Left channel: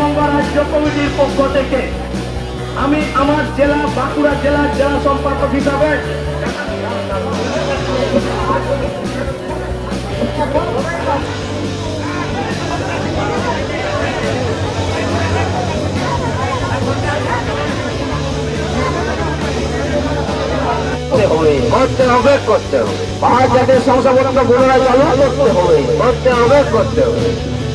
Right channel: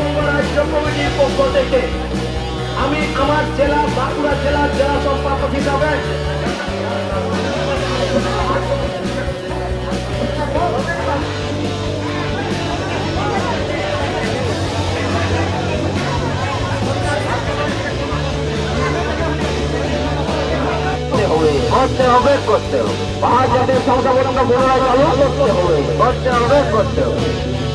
পশ্চিমবঙ্গ রাজ্য পক্ষ থেকে আমি আমার জেলা, বাঁকুড়া জেলার জেলা সম্পাদক হিসাবে করতে হবে করতে হবে। পাহাড় জাতের করতে হবে করতে হবে করতে হবে।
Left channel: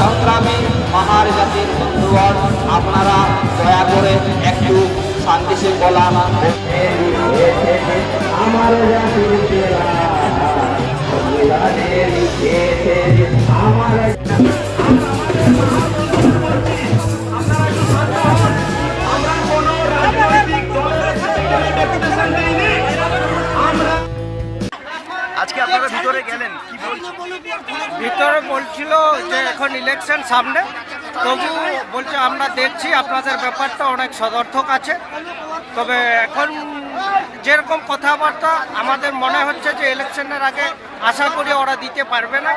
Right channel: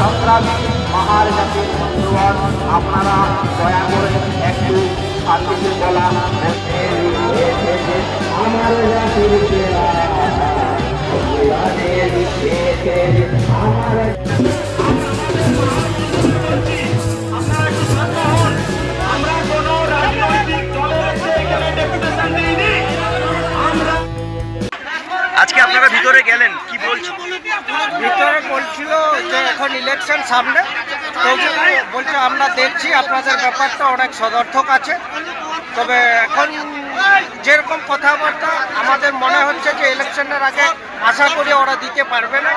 সংগ্রামী পাহাড় জাতির বন্ধুগণ আপনারা দয়া করে একটু শান্তি শৃঙ্খলা আমার জাতির আজকে আপনারা ভিতরে গেলেন কি বলছেন? ভিতরে বলছিল যে এখন ইলেকশন সামনে তবু বলছে আমরা দেখছি আপনাদের ব্যাপারটা অনেক সদর্থক আছে। তবে এখন যেরকম কথাবার্তা আমাদের মনে হচ্ছে যে ইলেকশনের আগে আশা করি ওরা দিতে পারবে না।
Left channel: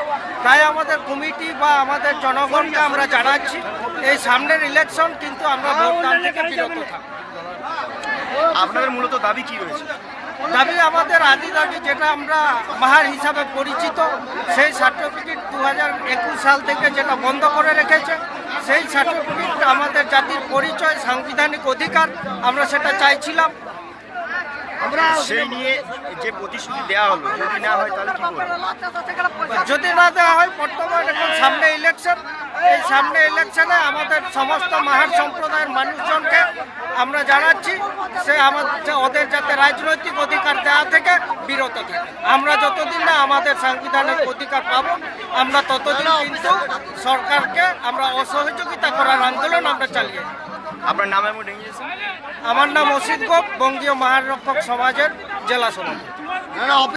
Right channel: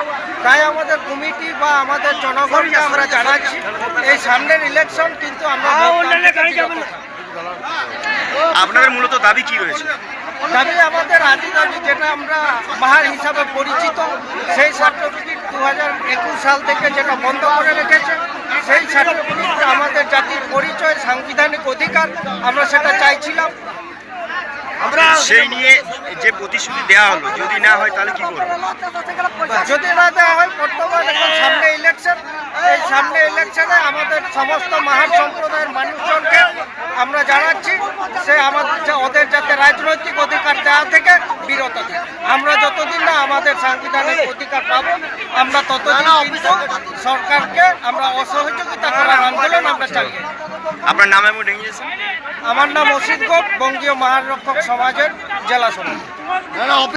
তাই আমাদের কমিটি বা আমাদের জনগণকে আমরা জানাচ্ছি এই সামনের ইলেকশন কিন্তু আমরা। আপনাদের মূলত দাবি কি রয়েছে? দাবি আমাদের আদি দাবি যেটা আমরা বাহার হিসাবে পরিচিত, সেই সার্টিফিকেট দু হাজার একুশ সাল থেকে যেটা বন্ধ করে রেখেছে, সেই সার্টিফিকেট আমাদের জাতির পরিচয়, সাংবিধানিক অধিকার, আমরা সেটা চাইছিলাম। সেই নিয়ে যে প্রতিশ্রুতি দেওয়া হলো, যদি না হয় তাহলে কি করবেন যদি না দেওয়া হয়, বর্তমান এখন সামনে ইলেকশন এই সামনে ইলেকশনে আমাদের সমস্ত মাহার সম্প্রদায়ের মানুষজনকে আমরা জানাচ্ছি, সে আমাদের ওদের যাতে রাজনৈতিক অধিকার দেওয়া থেকে বিরত থাকে। আমরা যতদিন না আমাদের সাংবিধানিক অধিকার পাবো, আমরা ততদিন কিন্তু সরকারকে আমরা অসহযোগিতা করার আন্দোলন আমরা চালিয়ে। আপনার নাম এবং আমার নাম অসিত গোপ বঙ্গীয় মহারক্ষক সমাজের জেলা সভাপতি।